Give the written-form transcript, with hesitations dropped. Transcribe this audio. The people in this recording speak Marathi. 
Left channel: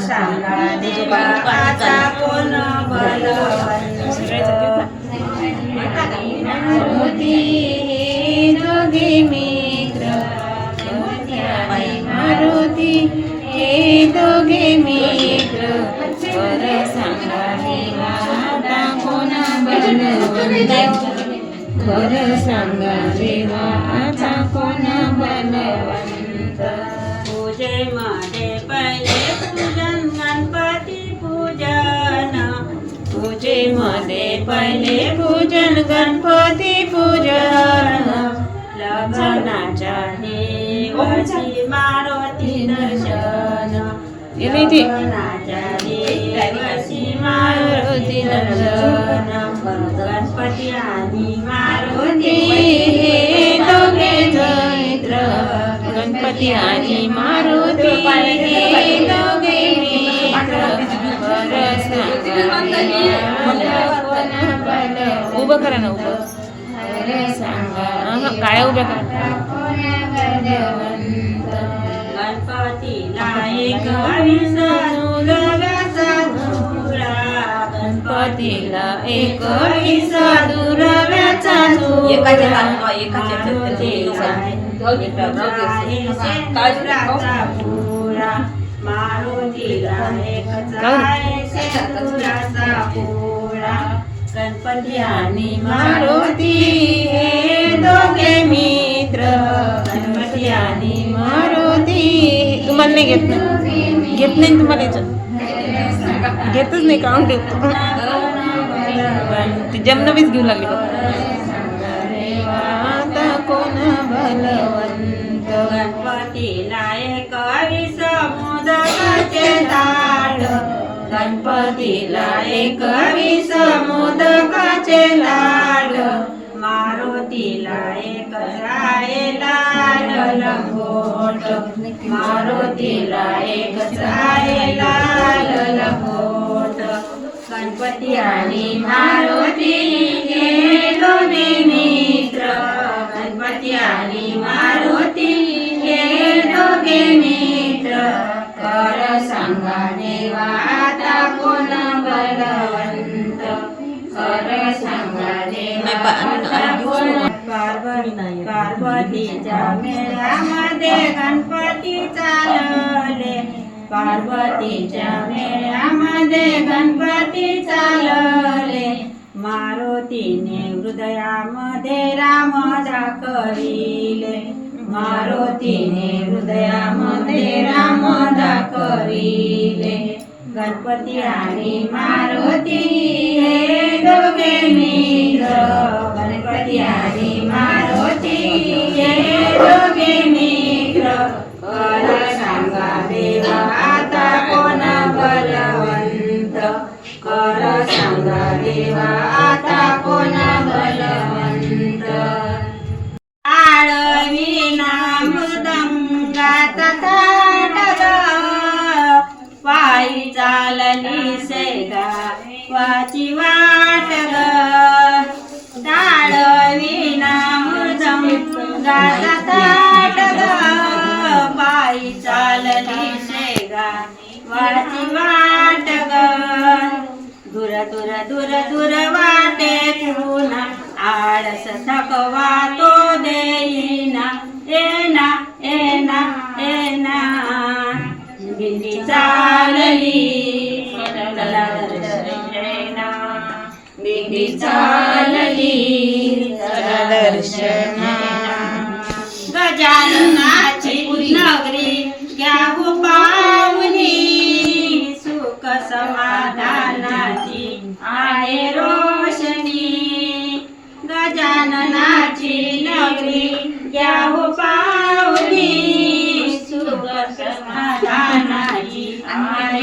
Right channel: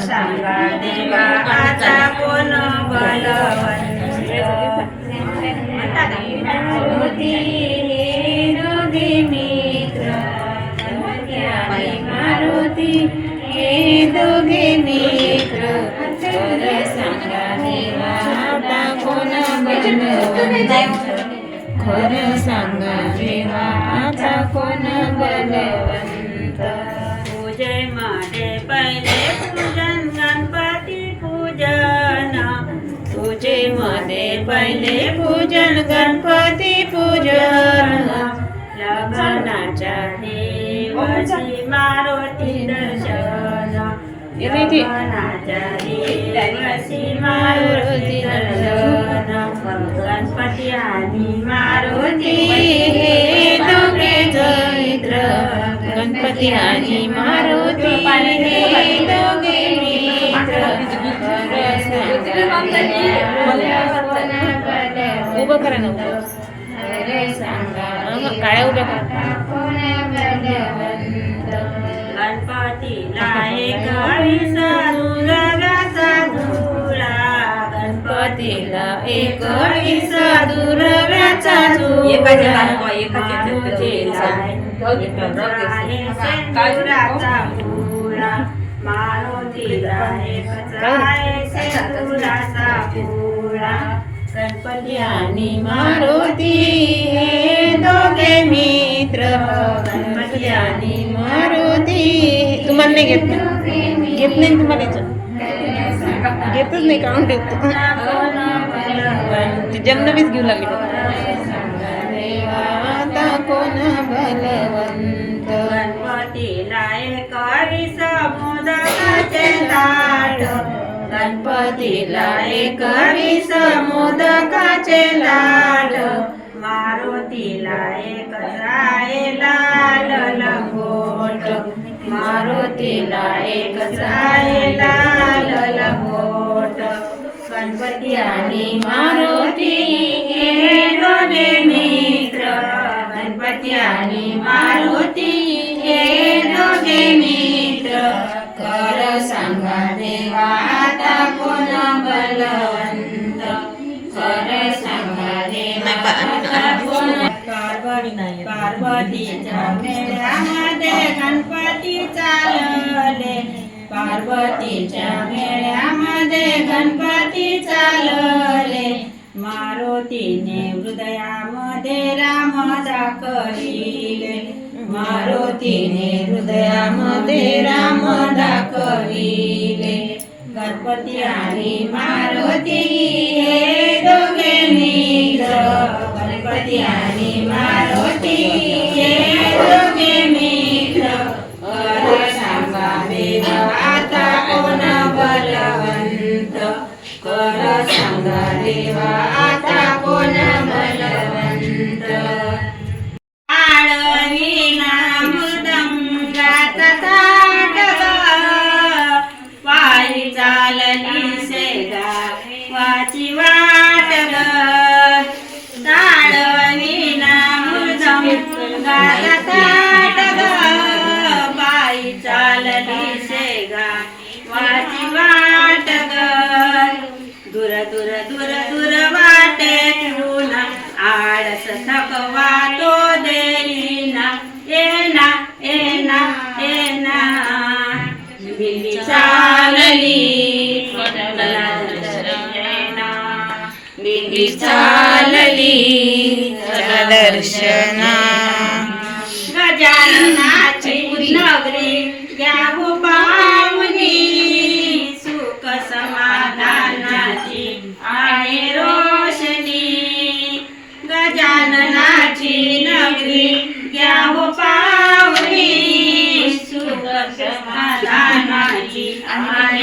सांगा देवा आता कोण बलवंत मारुती हे दोघे मित्र मारुती हे दोघे मित्र वर सांगा देवा आता कोण बलवंत खरं सांगा देवा आता कोण बलवंत पूजेमध्ये पहिले पूजन गणपती पूजन पूजेमध्ये पहिले पूजन गणपती पूजन लग्नाच्या देवाची मारुती दर्शन लग्नाच्या देवाची मारुती दर्शन गणपती आणि मारुती हे दोघे मित्र गणपती आणि मारुती हे दोघे मित्र खरं सांगा उभं करा ना उभं खरं सांगा काळ्या उभ्या करा गणपतीला एक विसरू रव्याचा धुळा गणपतीला एक विसरू रव्याचा धुळा गणपती आणि मारुती हे दोघे मित्र गणपती आणि मारुती तुम्हाला नाही घेत नाही घेत नाही तुम्हाला याच्यात घेतच नाही काउंट ठेवतो पण ती जमनवीच घेऊ लागली देवा आता कोण बलवंत गणपतीला एक मोदकाचे ताट गणपतीला एक मोदकाचे लाड मारुतीला एक जाळे लाल लंगोट मारुतीला एक लाल लंगोट गणपती आणि मारुती हे दोघे मित्र गणपती आणि मारुती हे दोघे मित्र खरं सांगा देवा आता कोण बलवंत खरं सांगा देवा आता कोण पार्वतीच्या मेळ्यामध्ये गणपती चालले पार्वतीच्या मेळ्यामध्ये गणपती चालले मारुतीने हृदयामध्ये राम दाखविले मारुतीने हृदयामध्ये राम दाखविले गणपती आणि मारुती हे दोघे मित्र गणपती आणि मारुती हे दोघे मित्र खरं सांगा देवा आता कोण बलवंत खरं सांगा देवा आता कोण बलवंत आळवीना मृदंगाचा थाट ग पायी चालली सेगा वाची वाट ग आळवीना मृदंगाचा थाट ग पायी चालली सेगा वाची वाट ग दूर दूर दूर दूर वाटेतून आळस थकवा तो देईना येना येना येना बिल्ली चालली बिल्ली चालली चला दर्शना गजाननाची नगरी घ्यावू पावनी सुख समाधानाची आहे रोशनी गजाननाची नगरी घ्यावू पावनी सुख समाधानाची आहे